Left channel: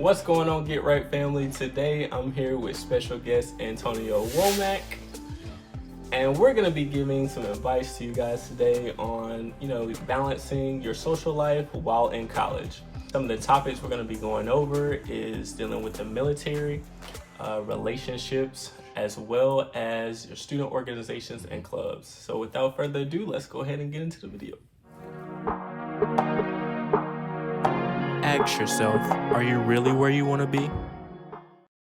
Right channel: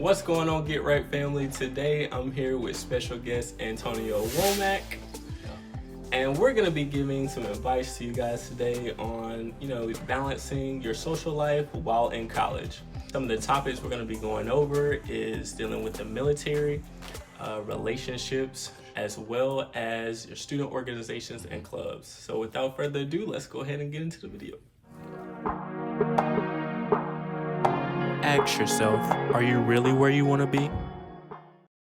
What's going on, Get Right family? Today I'm here with special guest Antonio Womack, and we're gonna be giving some advice to you guys today on, balancing your social life while in college. Some of the topics we're gonna be going over is dealing with the military, relationships, as well as your student organizations and clubs. So without further ado, let's go ahead and get into the video. Ask yourself, are you really where you want to be?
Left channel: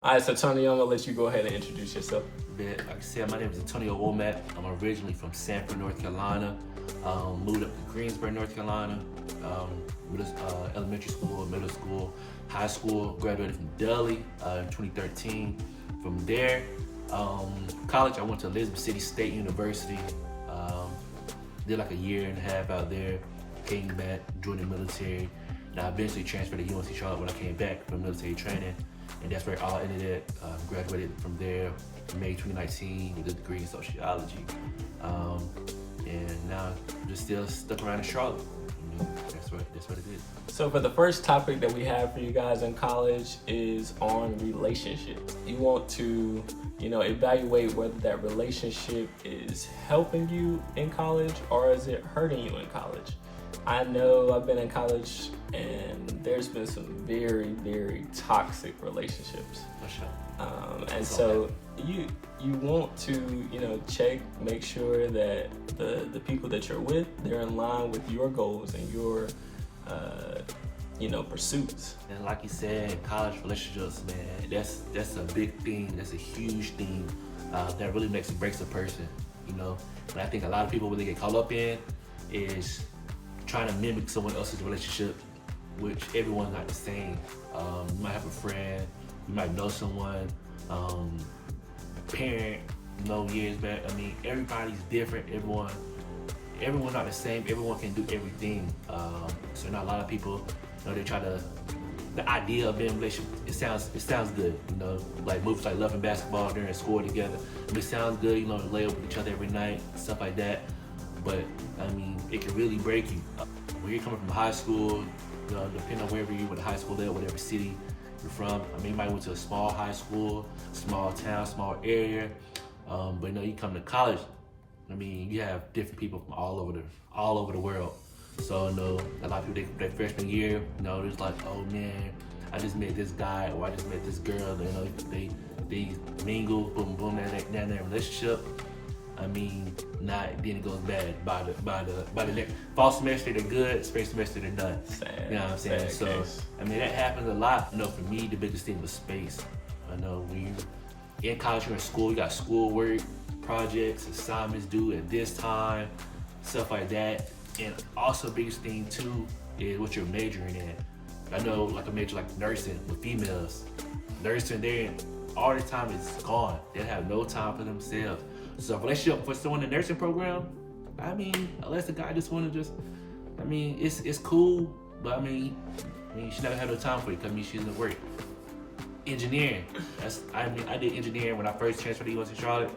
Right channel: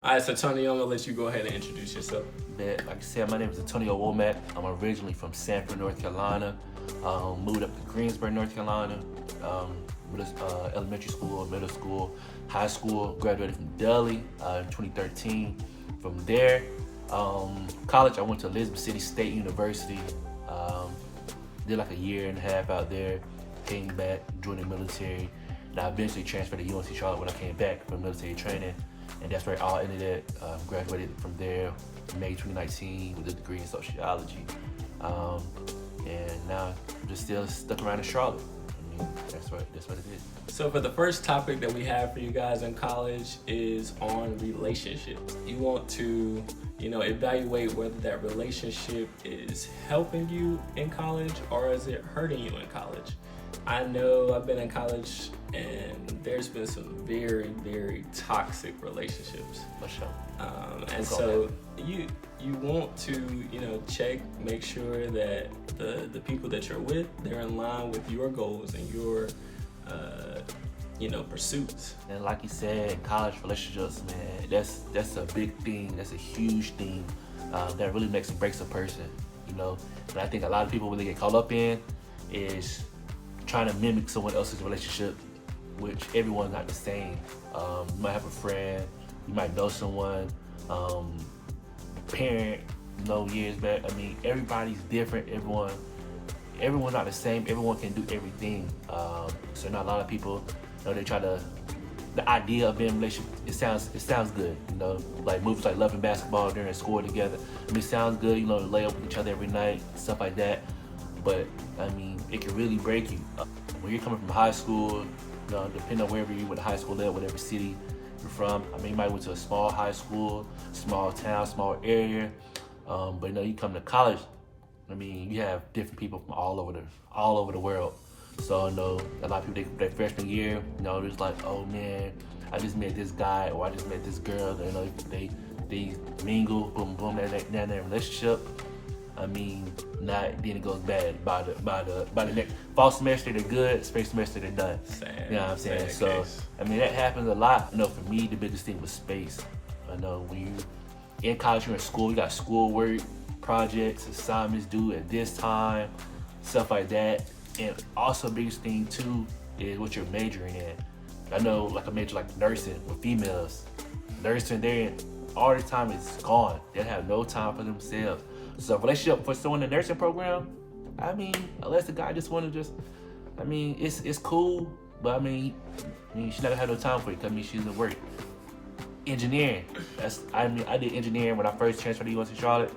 All right, so Tony, I'm gonna let you go ahead and introduce yourself. Like I said, my name is Antonio Womack. I'm originally from Sanford, North Carolina. Moved up to Greensboro, North Carolina. Elementary school, middle school, high school. Graduated from Delhi in 2013. From there, college, I went to Elizabeth City State University. Did like a year and a half out there. Came back, joined the military. And I eventually transferred to UNC Charlotte when I came back from military training. And that's where it all ended at. Graduated from there in May 2019 with a degree in sociology. And now I'm just still stuck around in Charlotte. That's what it is. So for the first topic that we have for you guys in college is on relationships. You want to, evaluate whether that relationship is helping you in college or is it hurting you in college. I know I've been in college and there's been some very, very toxic relationships. And so you want to, check, make sure that the people that you're with, they're in line with your goals and your, pursuits. And like you said, college relationships, man, that's a big thing. That's a huge thing that really makes and breaks a person, And I think a lot of people really get caught up in is trying to mimic someone else's relationship, which everyone's not the same. You might have a friend, you might know someone, parent, years back. Everybody's different. Everyone's not the same. Everyone can do everything. So not a lot of people, they try to. The idea of being in a relationship, it sounds good. Like movies like Love and Basketball, they're in school together. It sounds good. To lay up with each other every night, stuff like that. But it can really break you. When you're coming from high school, depending on wherever you went to high school at, whatever city you're from. You might went to a small high school, small town, small area. But you come to college, you have different people from all over the world. So a lot of people, their freshman year, it's like, oh man, I just met this guy or I just met this girl. They mingle, boom, boom, they're in a relationship. Then it goes bad. By the next fall semester they're good, spring semester they're done. You know what I'm saying? So case. That happens a lot. For me the biggest thing was space. When you're in college, you're in school, you got schoolwork, projects, assignments due at this time, stuff like that. And also biggest thing too is what you're majoring in. I major like nursing with females. Nursing there all the time is gone. They have no time for themselves. So relationship for someone in the nursing program, unless the guy just want to it's cool, but she never had no time for you because she doesn't work. Engineering, I did engineering when I first transferred to UNC Charlotte.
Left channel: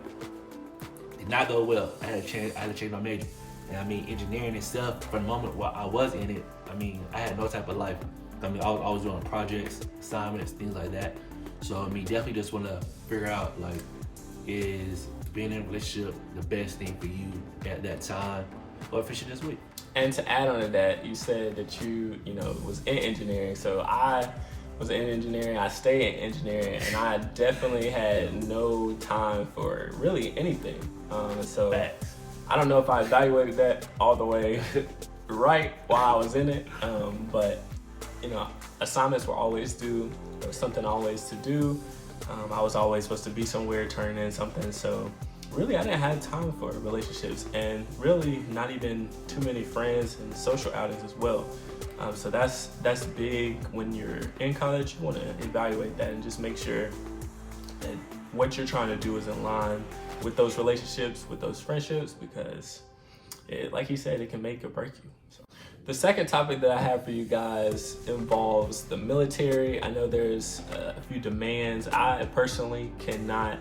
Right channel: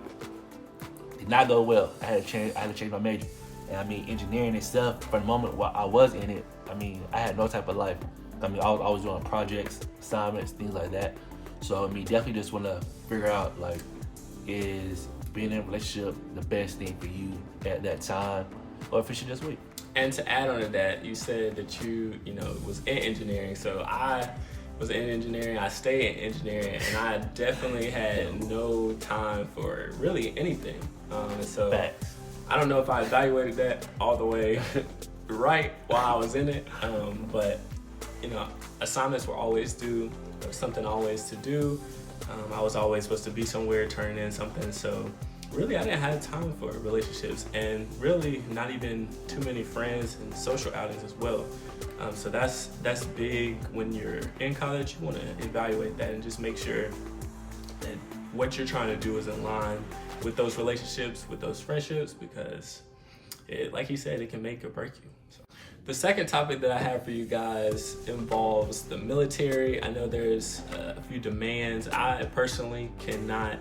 Did not go well. I had to change my major. And engineering itself, for the moment while I was in it, I had no type of life. I was doing projects, assignments, things like that. So definitely just want to figure out is being in a relationship the best thing for you at that time, or if it should just wait. And to add on to that, you said that you was in engineering. So I was in engineering, I stay in engineering, and I definitely had no time for really anything. So Facts. I don't know if I evaluated that all the way right while I was in it, but assignments were always due. There was something always to do. I was always supposed to be somewhere, turning in something. So really, I didn't have time for relationships, and really not even too many friends and social outings as well. So that's big when you're in college. You want to evaluate that and just make sure that what you're trying to do is in line with those relationships, with those friendships, because like you said, it can make or break you. The second topic that I have for you guys involves the military. I know there's a few demands. I personally cannot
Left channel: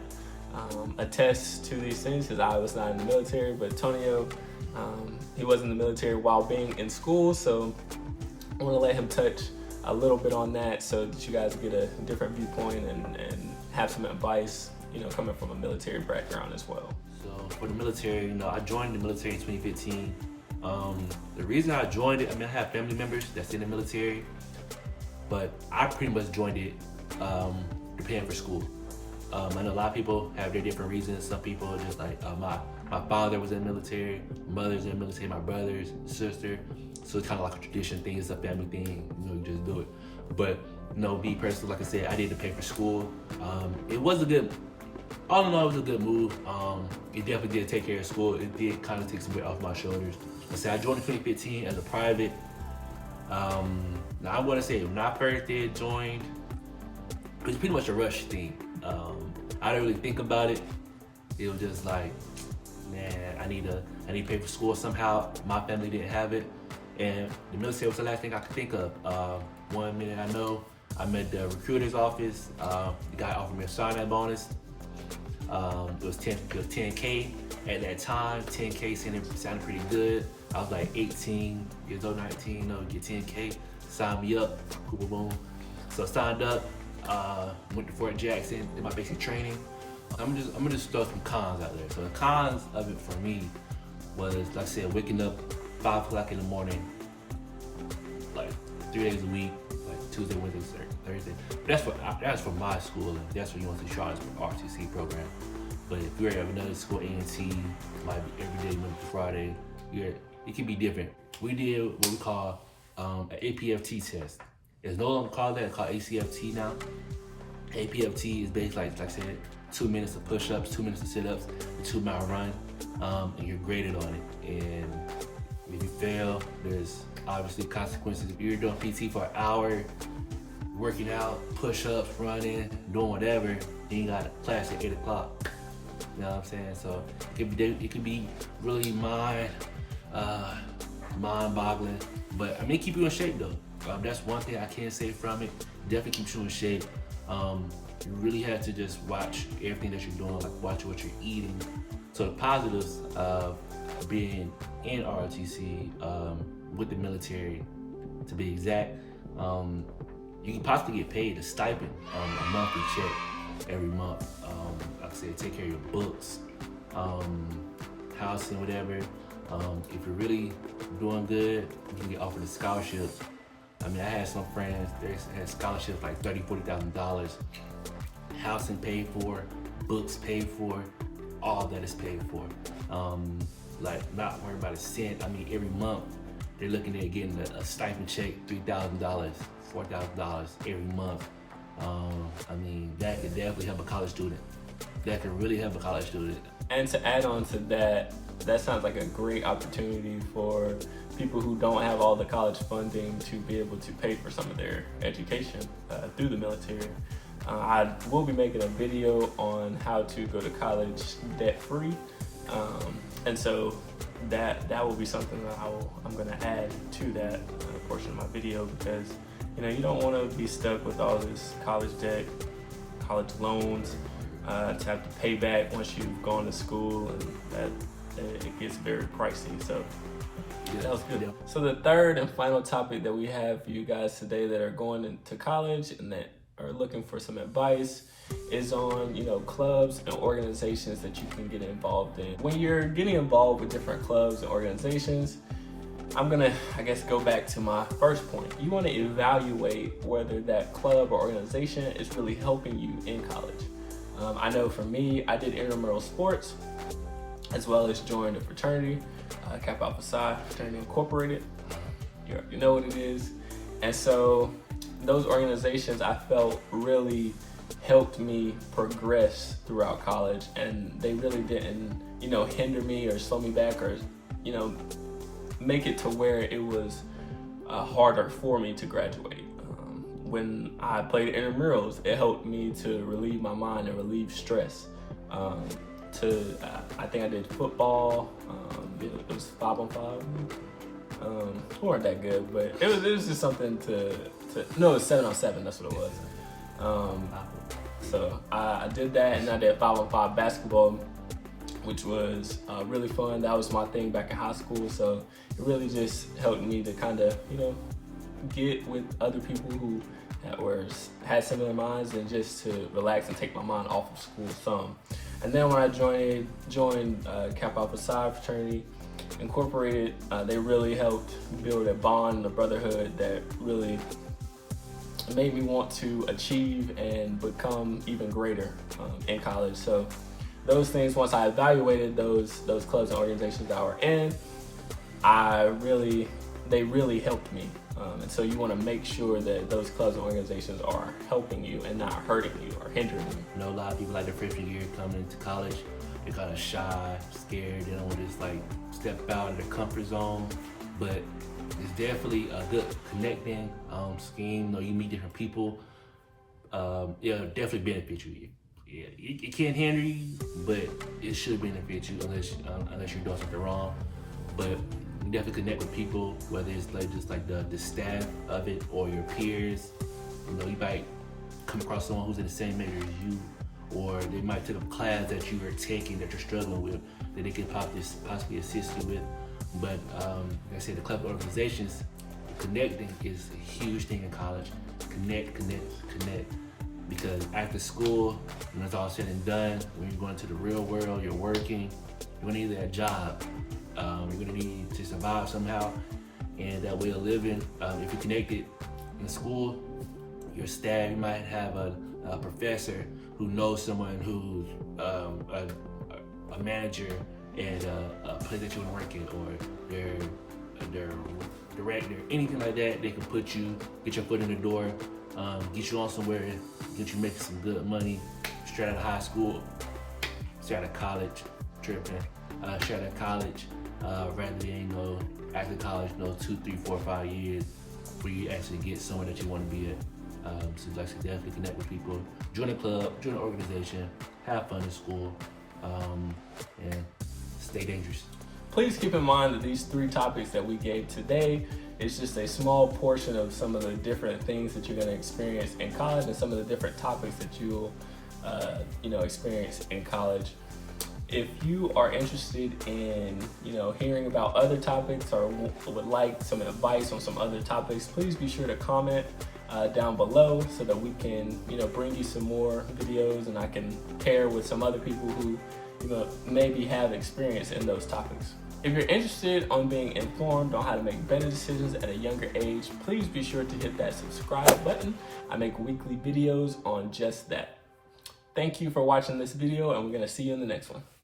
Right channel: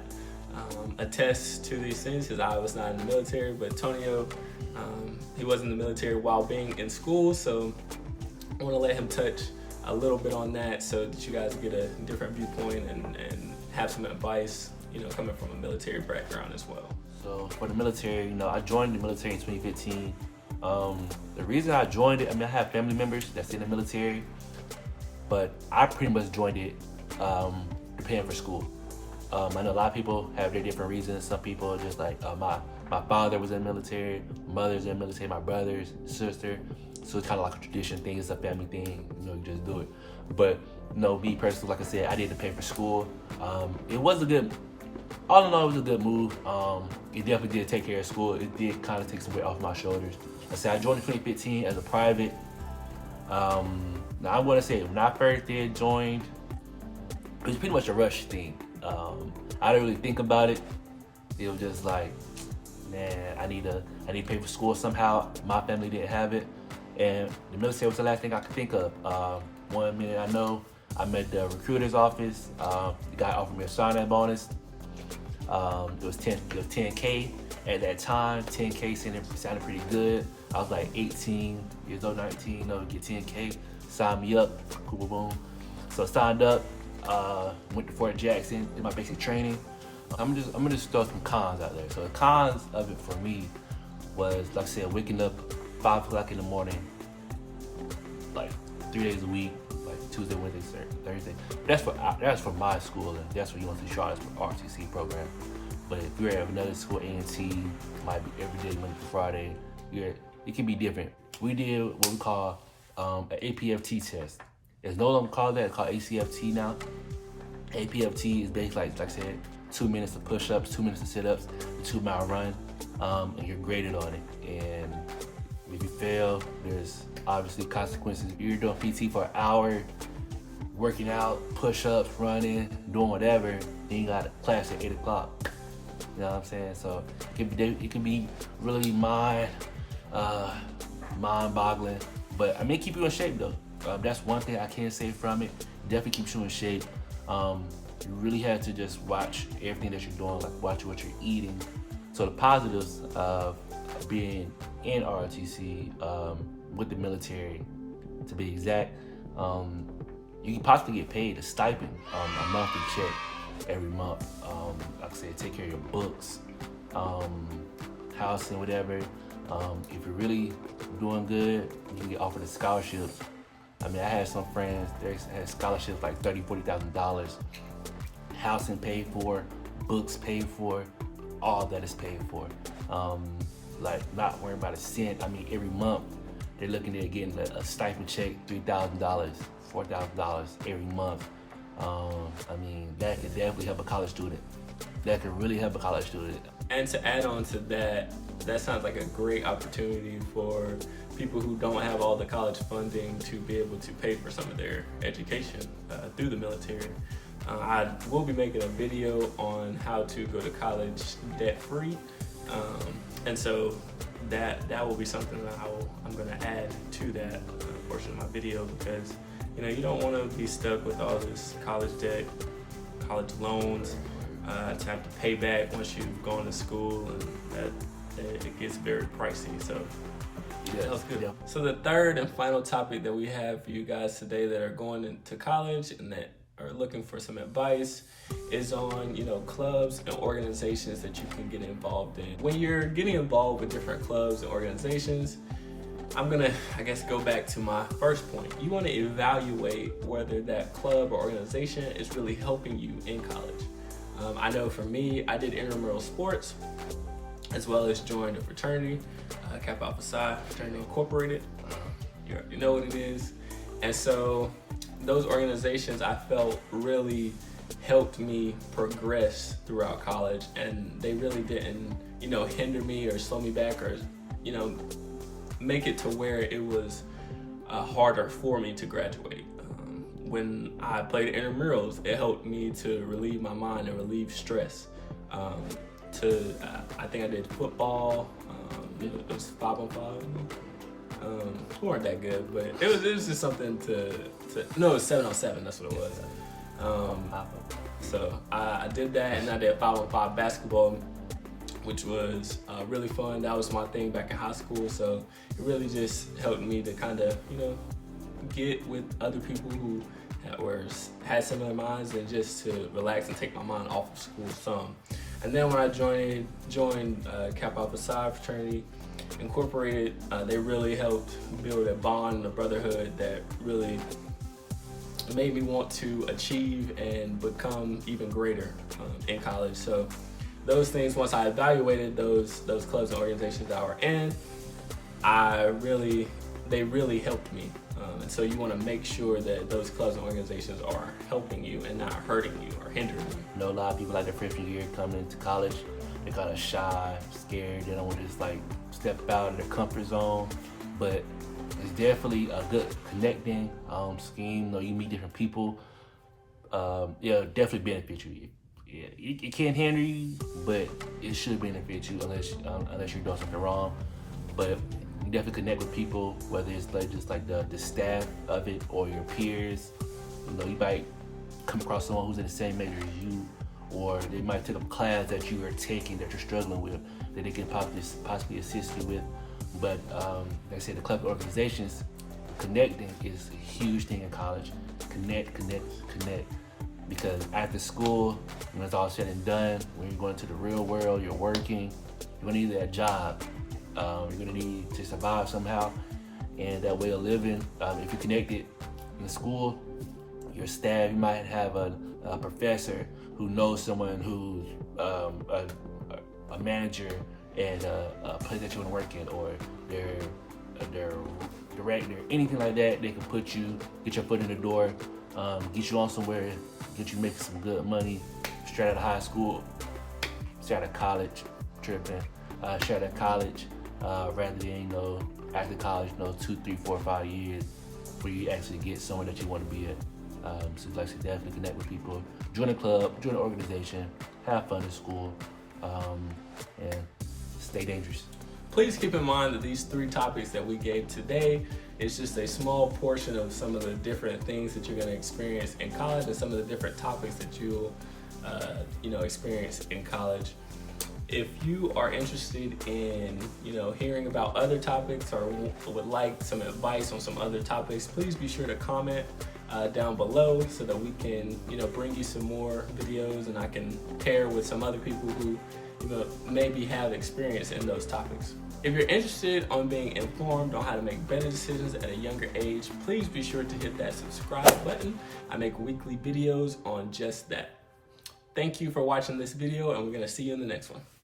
attest to these things because I was not in the military, but Tonio, he was in the military while being in school, so I want to let him touch a little bit on that so that you guys get a different viewpoint and have some advice, coming from a military background as well. So for the military, I joined the military in 2015. The reason I joined it, I have family members that's in the military, but I pretty much joined it preparing for school. I know a lot of people have their different reasons. Some people are just like, my father was in the military, my mother's in the military, my brothers, sister. So it's kind of like a tradition thing, it's a family thing, you just do it. But me personally, like I said, I did prepare for school. It was all in all, it was a good move. It definitely did take care of school. It did kind of take some weight off my shoulders. I said I joined in 2015 as a private. Now I want to say when I first did join, it was pretty much a rush thing. I didn't really think about it. It was just like, man, I need to pay for school somehow. My family didn't have it, and the military was the last thing I could think of. One minute I know, I'm at the recruiter's office. The guy offered me a sign-on bonus. It was 10K at that time. 10K sounded pretty good. I was like 18 years old, 19, get 10K. Sign me up, boom, boom, boom. So I signed up, went to Fort Jackson, did my basic training. I'm gonna just throw some cons out there. So the cons of it for me was, like I said, waking up 5 o'clock in the morning, like 3 days a week, like Tuesday, Wednesday, Thursday. That's for my school, and that's what you want to charge for RTC program. But if you're at another school, A&T, might be every day, Monday to Friday, it can be different. We did what we call an APFT test. It's no longer called that, it's called ACFT now. APFT is basically, like I said, 2 minutes of push-ups, 2 minutes of sit-ups, a 2-mile run, and you're graded on it. And if you fail, there's obviously consequences. If you're doing PT for an hour, working out, push-ups, running, doing whatever, then you got class at 8 o'clock. You know what I'm saying? So it can be really mind-boggling. But it keep you in shape though. That's one thing I can say from it. Definitely keeps you in shape. You really have to just watch everything that you're doing, like watch what you're eating. So the positives of being in ROTC with the military, to be exact, you can possibly get paid a stipend, a monthly check every month. Like I said, take care of your books, housing, whatever. If you're really doing good, you can get offered a scholarship. I had some friends, they had scholarships like $30,000, $40,000. Housing paid for, books paid for, all that is paid for. Like not worrying about a cent. Every month they're looking at getting a stipend check, $3,000, $4,000 every month. That could definitely help a college student. That could really help a college student. And to add on to that, that sounds like a great opportunity for people who don't have all the college funding to be able to pay for some of their education through the military. I will be making a video on how to go to college debt-free. And so that will be something that I'm going to add to that portion of my video, because you don't want to be stuck with all this college debt, college loans, to have to pay back once you've gone to school, and that it gets very pricey. So yeah, that was good. Yeah. So the third and final topic that we have for you guys today that are going into college and that are looking for some advice is on, clubs and organizations that you can get involved in. When you're getting involved with different clubs and organizations, I'm gonna, go back to my first point. You want to evaluate whether that club or organization is really helping you in college. I know for me, I did intramural sports as well as joined a fraternity, Kappa Alpha Psi Fraternity Incorporated. You know what it is. And so those organizations I felt really helped me progress throughout college, and they really didn't, hinder me or slow me back or, make it to where it was harder for me to graduate. When I played intramurals, it helped me to relieve my mind and relieve stress. I think I did football. It was 5-on-5. We weren't that good, but it was just something no, it was 7-on-7. That's what it was. So I did that, and I did 5-on-5 basketball, which was really fun. That was my thing back in high school. So it really just helped me to kind of, get with other people who had similar minds and just to relax and take my mind off of school some. And then when I joined Kappa Alpha Psi fraternity Incorporated, they really helped build a bond, a brotherhood that really made me want to achieve and become even greater in college. So those things, once I evaluated those clubs and organizations that I were in, they really helped me. And so you want to make sure that those clubs and organizations are helping you and not hurting you or hindering you. You know, a lot of people like their freshman year coming into college, they're kind of shy, scared, they don't want to just like step out of their comfort zone. But it's definitely a good connecting scheme. You know, you meet different people. It'll definitely benefit you. It can't hinder you, but it should benefit you unless you're doing something wrong. But you definitely connect with people, whether it's like just like the staff of it or your peers. You know, you might come across someone who's in the same major as you, or they might take a class that you are taking that you're struggling with that they can possibly assist you with. But like I said, the club organizations, connecting is a huge thing in college. Connect. Because after school, when it's all said and done, when you're going to the real world, you're working, you're gonna need that job. You're gonna need to survive somehow, and that way of living. If you're connected in school, your staff, you might have a professor who knows someone who's a manager and a place that you want to work in, or their director, anything like that. They can get your foot in the door, get you on somewhere, get you making some good money straight out of high school, straight out of college, straight out of college, rather than after college, 2, 3, 4, 5 years where you actually get somewhere that you want to be at. So like to definitely connect with people, join a club, join an organization, have fun in school, and stay dangerous. Please keep in mind that these 3 topics that we gave today is just a small portion of some of the different things that you're going to experience in college and some of the different topics that you'll experience in college. If you are interested in hearing about other topics or would like some advice on some other topics, please be sure to comment down below so that we can bring you some more videos and I can pair with some other people who maybe have experience in those topics. If you're interested on being informed on how to make better decisions at a younger age, please be sure to hit that subscribe button. I make weekly videos on just that. Thank you for watching this video, and we're going to see you in the next one.